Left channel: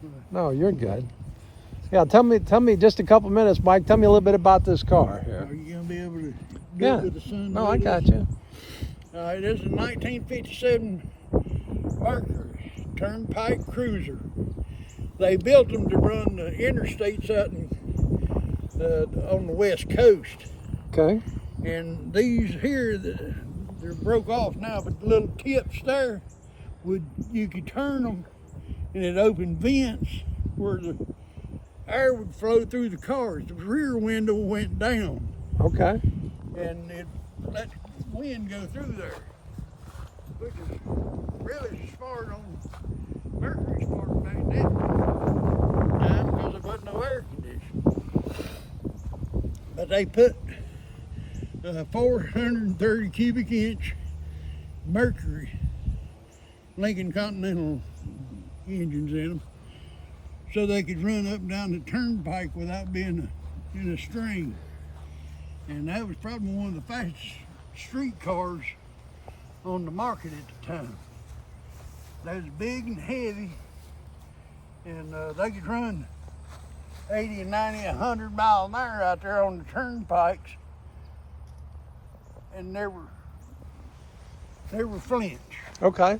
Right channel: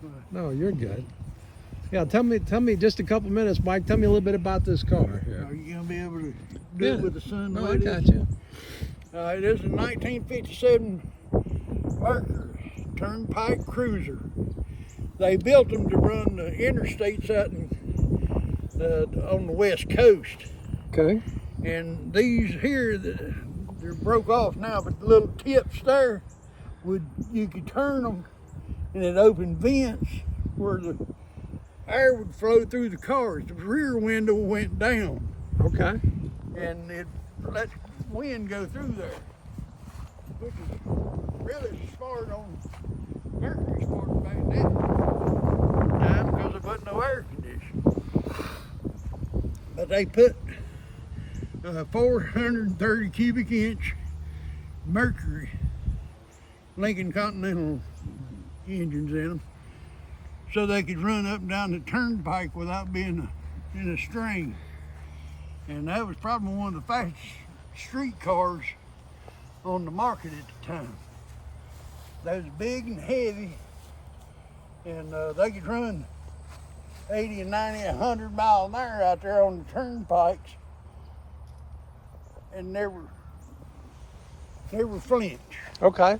today. No, you're good. Yeah, tell me just a couple minutes, Mike. Tell me a little bit about this car here. Are you gonna be able to do Yeah. it with the sun? No, I got you. This is a 1957 Mercury Turnpike Cruiser. They built them to run the interstates out on the West Coast. Okay. And these here, they're broke off now, but the little tips there, you could turn them and it opened vents where the air would flow through the cars. The rear window went down. Okay. And it let wind go through there, which is really smart on Mercury's part back then because there wasn't no air conditioning. But they put 430 cubic inch Mercury Lincoln Continental engines in them so they could run up and down the turnpike without being in a strain. And that was probably one of the fastest street cars on the market at the time. They was big and heavy, and they could run 80 and 90 and 100 miles an hour out there on the turnpikes and never flinch. Okay.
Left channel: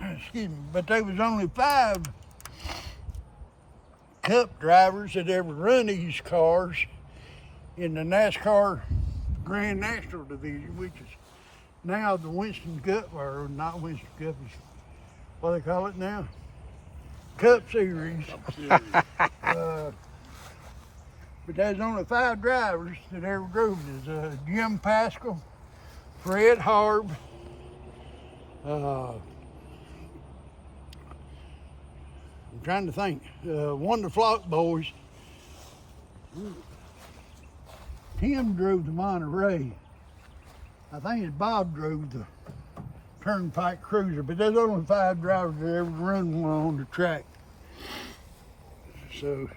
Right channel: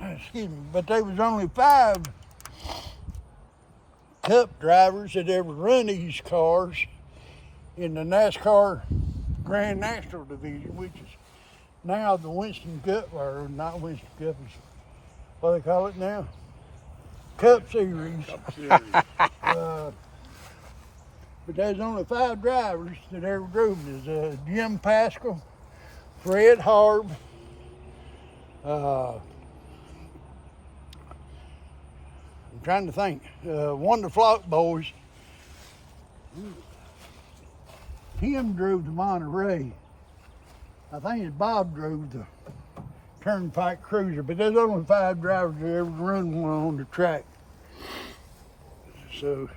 Excuse me, but there was only 5 Cup drivers that ever run these cars in the NASCAR Grand National division, which is now the Winston Cup, or not Winston Cup, is what they call it now, Cup Series. But there's only 5 drivers that ever drove. There's Jim Pascal, Fred Harb, I'm trying to think. One of the Flock boys, Tim drove the Monterey. I think Bob drove the Turnpike Cruiser, but there's only 5 drivers that ever run one on the track. So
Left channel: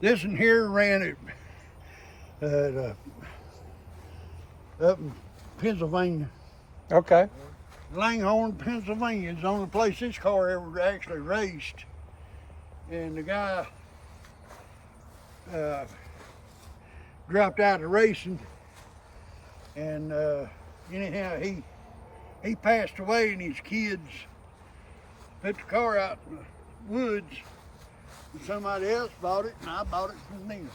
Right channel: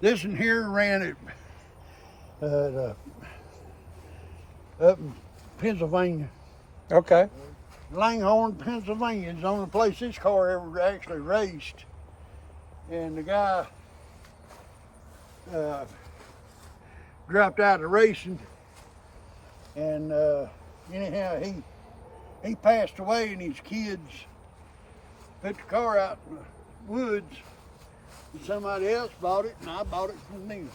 this one here ran up in Pennsylvania. Okay. Langhorne, Pennsylvania is the only place this car ever actually raced. And the guy dropped out of racing, and anyhow he passed away, and his kids put the car out in the woods, and somebody else bought it, and I bought it from them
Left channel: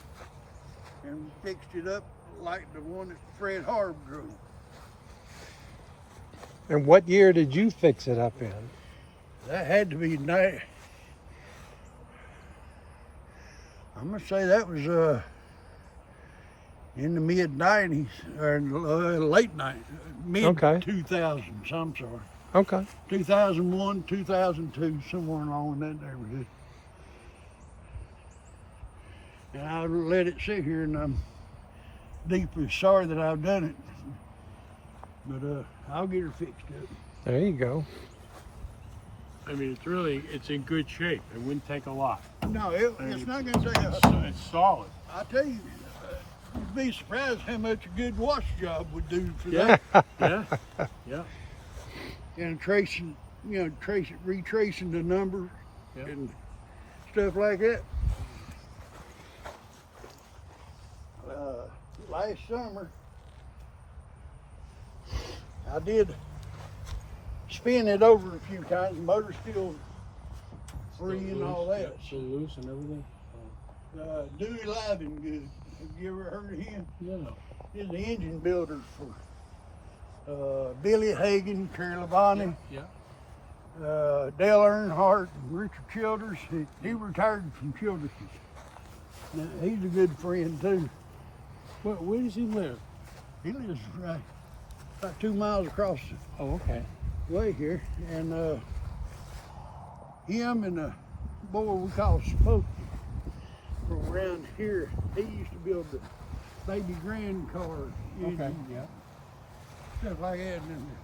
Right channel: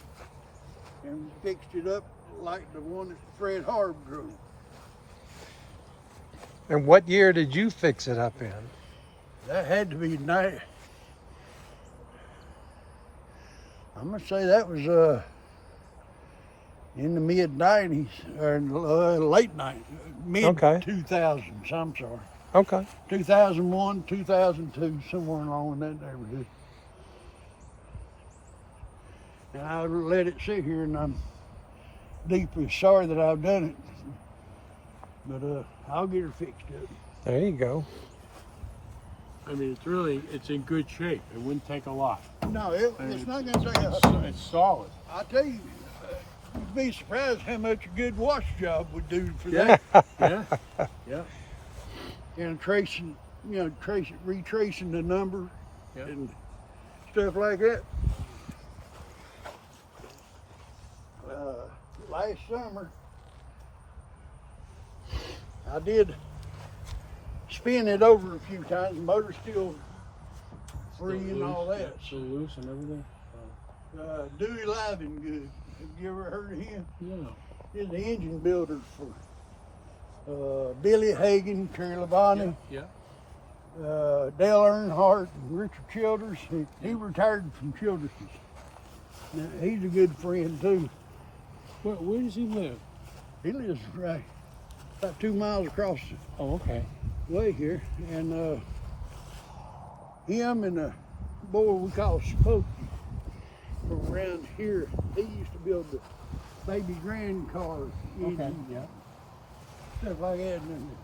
and fixed it up like the one that Fred Harb drove. And what year did you fix it up in? That had to be night. I'm gonna say that was in the mid '90s or late mid 2000s. I'm sorry. Okay. 2001, 2002, somewhere along in that neighborhood. And I let it sit here, and I'm deeply sorry that I've done it. But I'll get her fixed up. There you go. I mean, it's in good shape. It wouldn't take a lot. No, it's not going to take a lot. It's solid. I'll tell you, you'd be surprised how much a good wash job would do for that. Yeah. And retracing the number and stuff like that. Last summer, I did spin it over a few times. The motor's still free and all that. Still loose and everything. Dewey Livengood. Have you ever heard of him? No. He's the engine builder for Billy Hagan, Terry Labonte, Yeah. Dale Earnhardt, and Richard Childers. He retired from Childers. Now, he's a good friend too. Where does he live? He lives right about 2 miles across the Oh, okay. way here, and him and a boy we call Smokey from around here. He used to build the baby grand car engines, stuff like that, and then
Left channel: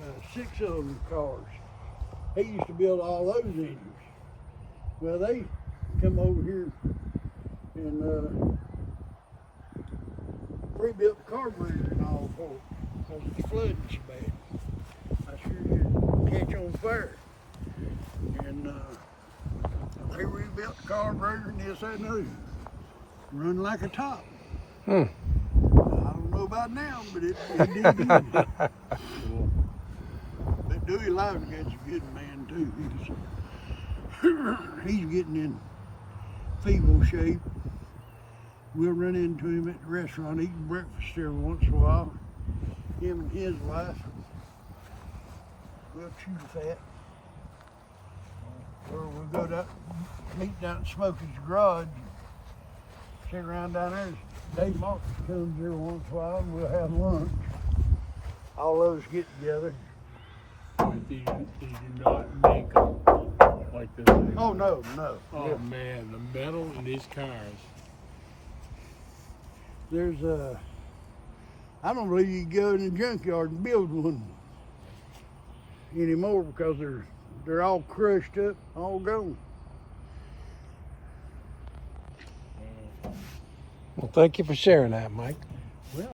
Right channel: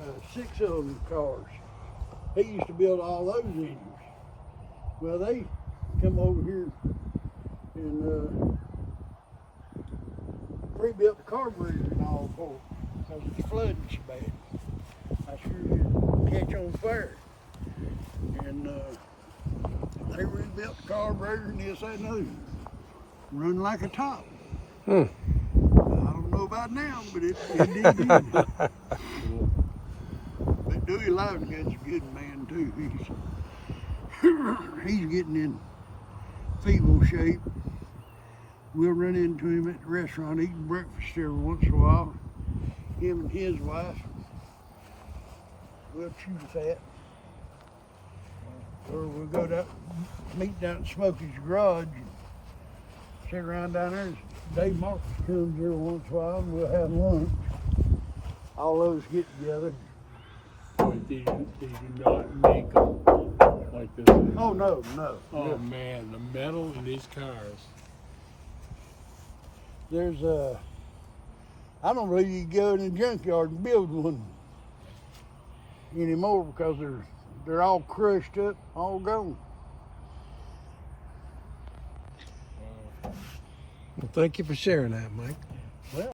the 6-cylinder cars. He used to build all those engines. Well, they come over here and rebuilt the carburetor and all for it because it's flooding so bad. I sure did catch on fire. And they rebuilt the carburetor and this, that, and the other. Run like a top. Hmm. I don't know about now, but it did then. But Dewey Loudon's a good man too. He's getting in feeble shape. We'll run into him at the restaurant eating breakfast every once in a while. Him and his wife. We'll chew the fat. Or we'll go to meet down at Smokey's garage and sit around down there. Dave Marcus comes every once in a while and we'll have lunch. All those get together. But they do not make them like this. Oh no. Oh man, the metal in these cars. There's I don't believe you can go in the junkyard and build one anymore because they're all crushed up, all gone. Well, thank you for sharing that, Mike.